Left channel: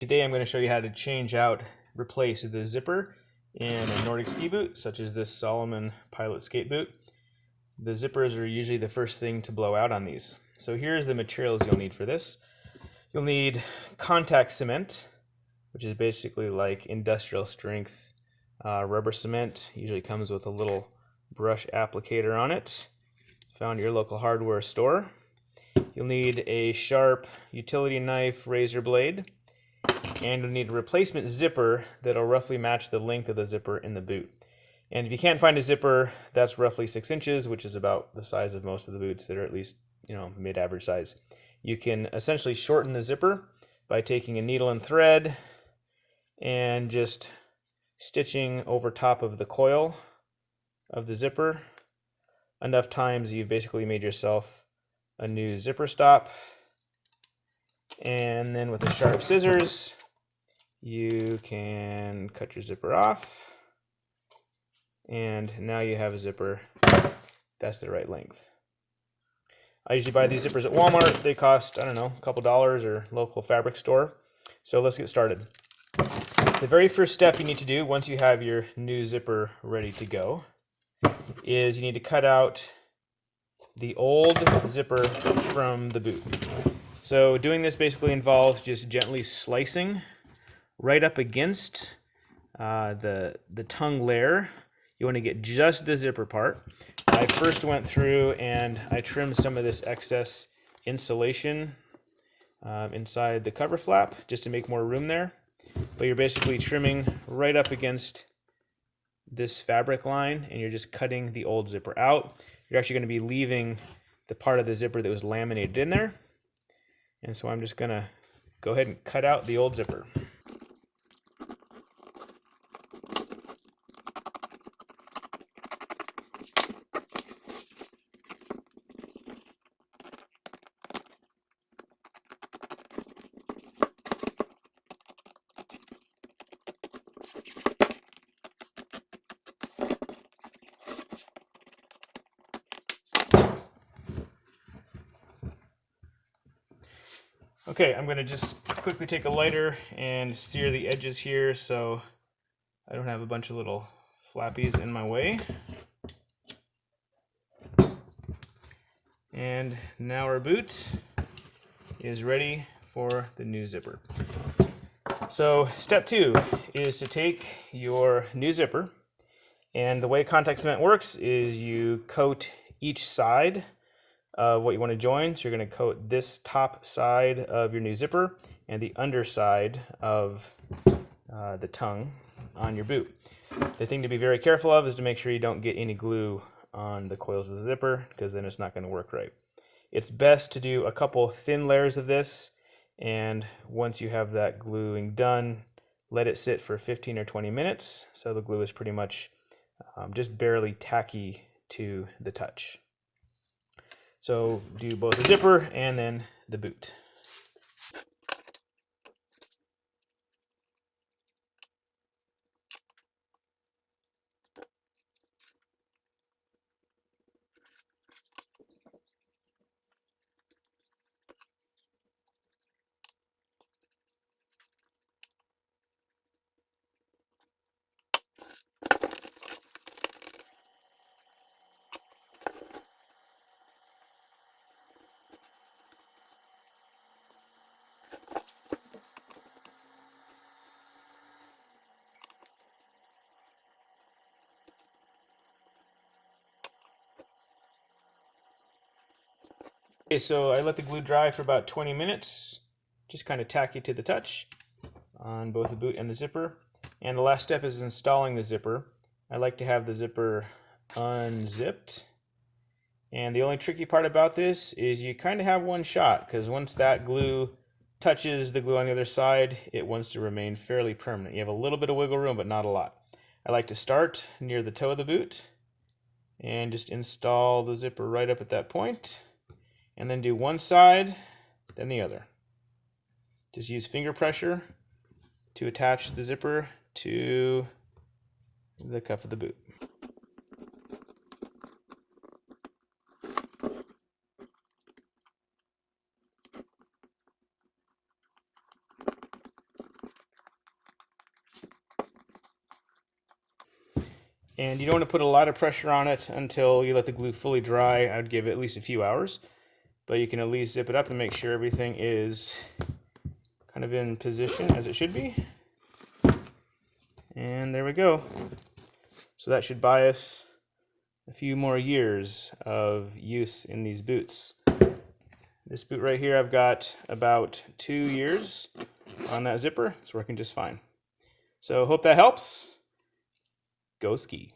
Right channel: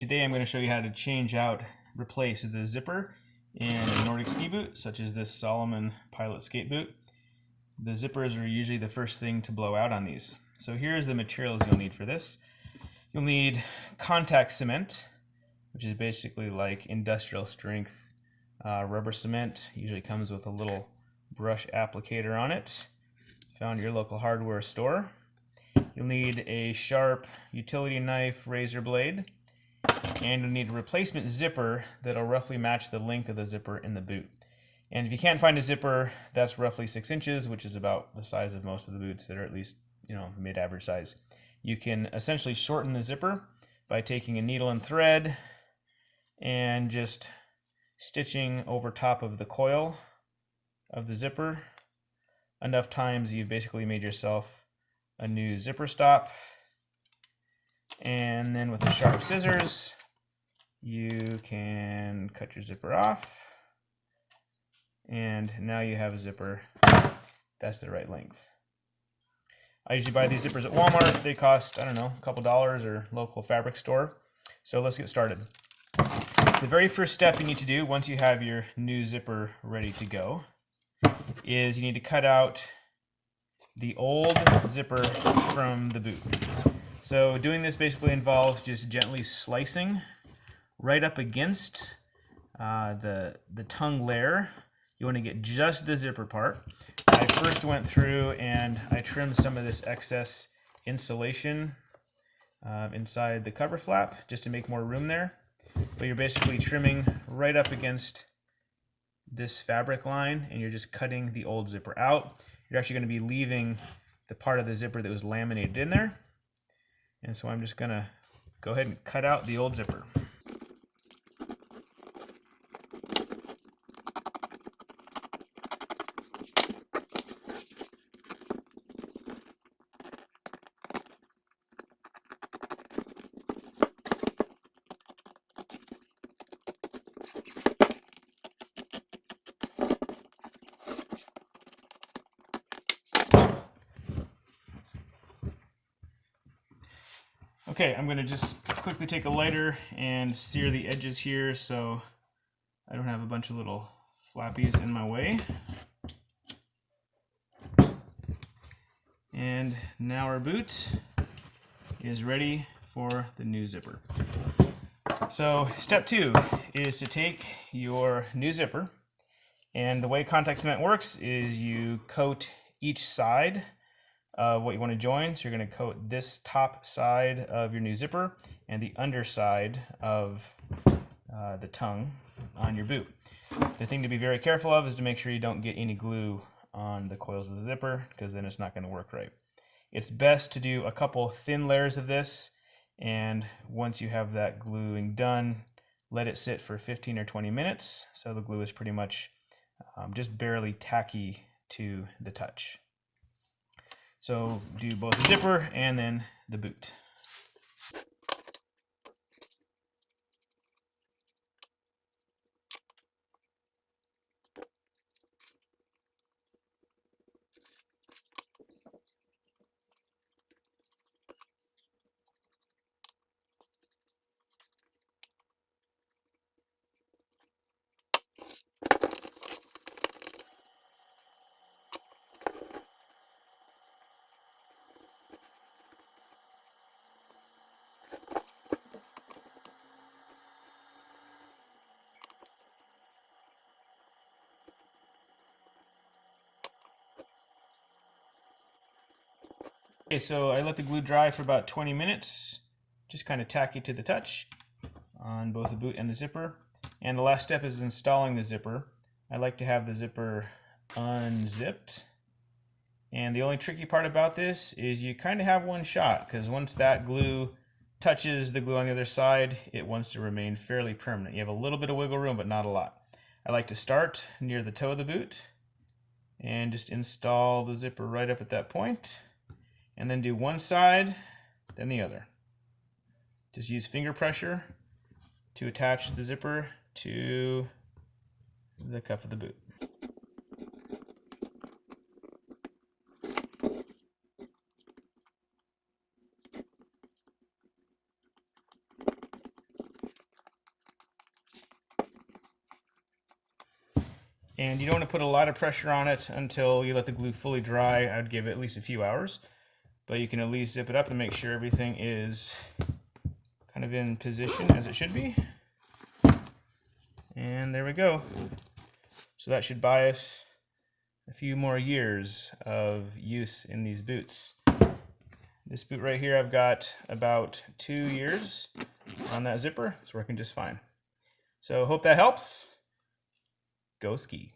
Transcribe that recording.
Today I'm going to show you how to replace the zipper in a Nordic ski boot, such as this Salomon Pilot skate boot. The zippers are usually the first thing to blow out on these. So here's the materials you'll need for this. You'll need contact cement, which is basically like industrial strength rubber cement. Usually comes with a little brush applicator on it, found at your local hardware store. You'll need a sharp utility knife, razor blade, and you'll need a replacement zipper that'll roughly match the length of the zipper in the boot. And if you can't find a zipper that's roughly 6 inches, which is about the size of most of the boots that are at least, mid-average size, you can essentially shorten the zipper by taking a needle and thread and just stitching over top of the coil of the zipper enough times you've basically made yourself a new zipper stop. And then with the sharp scissors, you can cut your zipper off, and now you have a zipper that's the right length. I usually buy these zippers at Walmart. They cost, I don't know, a couple dollars, or local fabric store. So let's get started. The very first step you need to do once you have your new zipper ready to go is you need to cut out the old zipper from the boot. So doing this basically involves just gently slicing right up against the tongue layer. You want to get just the zipper part. I first went through and I trimmed some of this excess insulation inside the cover flap just to make more room there. But you're basically trimming right up against this fabric line, and you're just cutting the old zipper out. You're actually going to be leaving the part of the zipper that was laminated in there. And so I'm just going to go ahead and cut out the old zipper. Okay, I'm going to just quickly take a lighter and sear the edges here so I don't have a bunch of little flappies in my way. And now our boot is ready for the new zipper. So step 2 is to take your new zipper, and the way contact cement works is you coat each side of what you want to join. So you're going to coat this top side of your new zipper and the underside of the tongue on your boot. The thing to be very careful of is to make sure you don't get any glue on the coils of the zipper, because then it's not going to work right. It's best to do a couple thin layers of this, and once you have that gluing done, let it sit for 15 or 20 minutes so the glue is pretty much just barely tacky to the touch. So do both the zipper and then the boot. Okay, so I let the glue dry for about 20 minutes, just kind of tacky to the touch on both the boot and the zipper. And the last step is installing the zipper. I like to have the zipper unzipped. And the only tricky part about this is you kind of have one shot, because once that glue touches the glue on the other side, it wants to remain fairly permanent. You have a little bit of wiggle room, but not a lot. I like to start near the toe of the boot and just install the zipper right up at that point, and then do one side, then the other. Just use finger pressure to attach the zipper to the cuff of the boot. And you don't want to put a lot of pressure on it until you let the glue fully dry. I'd give it at least a few hours, but you can at least zip it up and make sure everything is kind of in position as it should be. And there we go. So that should buy us a few more years of use in these boots. This boot right here, I've got about 2 years on that zipper. It's working just fine. So hope that helps. Go ski.